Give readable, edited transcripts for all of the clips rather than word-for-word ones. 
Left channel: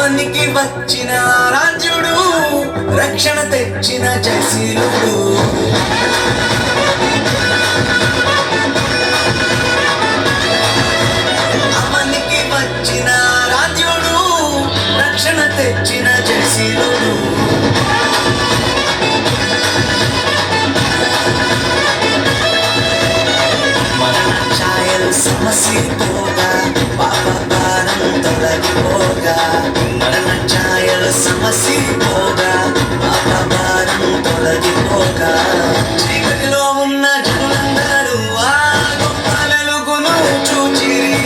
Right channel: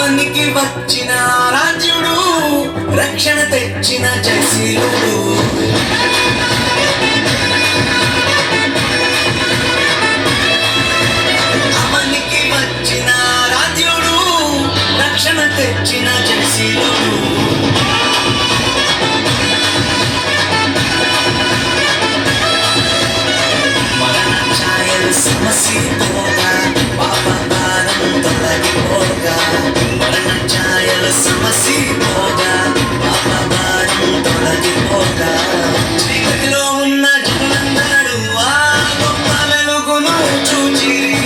అవనికి వచ్చిన రాజుడు, రక్షణ తెచ్చిన జయశీలుడు. అవనికి వచ్చిన రాజుడు, రక్షణ తెచ్చిన జయశీలుడు. మరణ ఛాయలు సమసిపోగా, పాప భారం తొలగిపోగా. మరణ ఛాయలు సమసిపోగా, పాప భారం తొలగిపోగా. చీకటిలో ఉన్న జనులందరూ ఆ గొప్ప వెలుగును చూచిరి.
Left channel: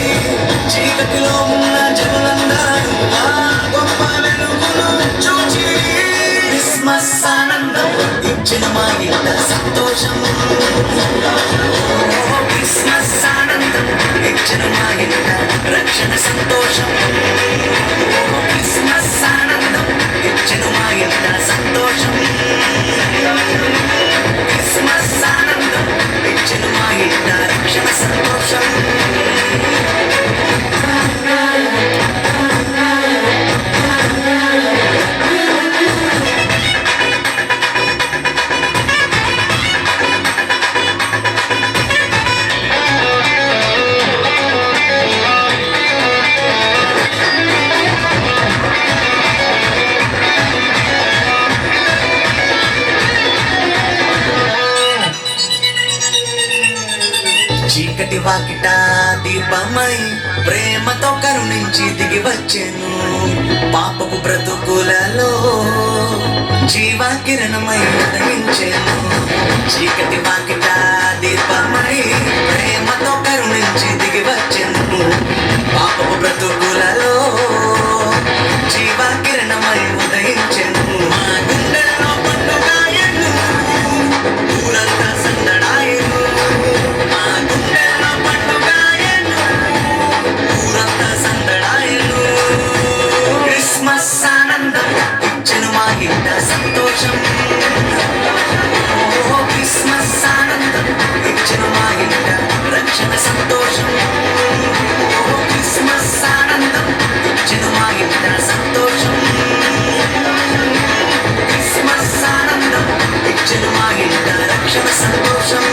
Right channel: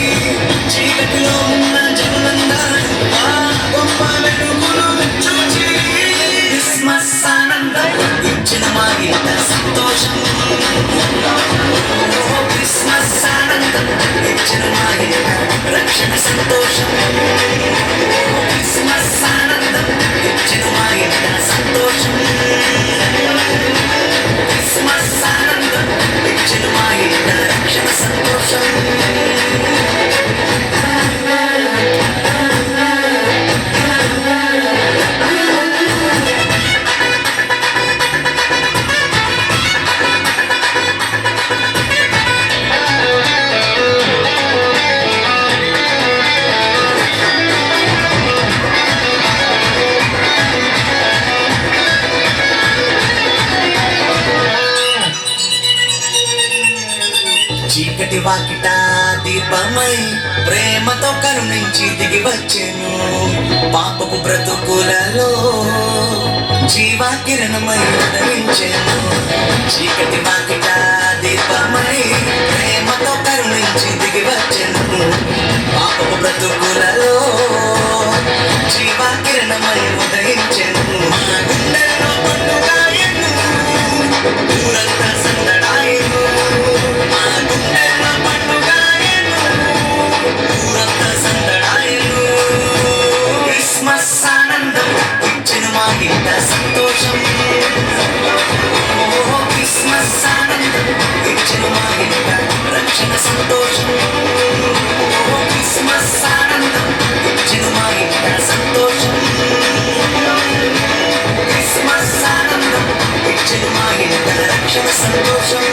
చీకటిలో ఉన్న జనులందరూ ఆ గొప్ప వెలుగును చూచిరి. క్రిస్మస్ ఆనందం ఇచ్చిన మా ఇంట సంతోషం. క్రిస్మస్ ఆనందం ఇచ్చిన మా ఇంట రక్షణ సంతోషం. క్రిస్మస్ ఆనందం ఇచ్చిన మా ఇంట సంతోషం. క్రిస్మస్ ఆనందం ఇచ్చిన మా ఇంట రక్షణ సంతోషం. చీకటి వాకిట దీపమై ప్రేమతో కరుణించి దిగి వచ్చెను. పాపపు బ్రతుకులలో జీవాకిరణమై ఉదయించెను. చీకటి వాకిట దీపమై ప్రేమతో కరుణించి దిగి వచ్చెను. పాపపు బ్రతుకులలో జీవాకిరణమై ఉదయించెను. మా గుండెల్లో పండుగాయను, ఊరంతా సందడాయను. మా గుండెల్లో పండుగాయను, ఊరంతా సందడాయను. క్రిస్మస్ ఆనందం ఇచ్చెను మా ఇంట సంతోషం. క్రిస్మస్ ఆనందం ఇచ్చెను మా ఇంట రక్షణ సంతోషం. క్రిస్మస్ ఆనందం ఇచ్చెను మా ఇంట సంతోషం. క్రిస్మస్ ఆనందం ఇచ్చెను మా ఇంట రక్షణ సంతోషం.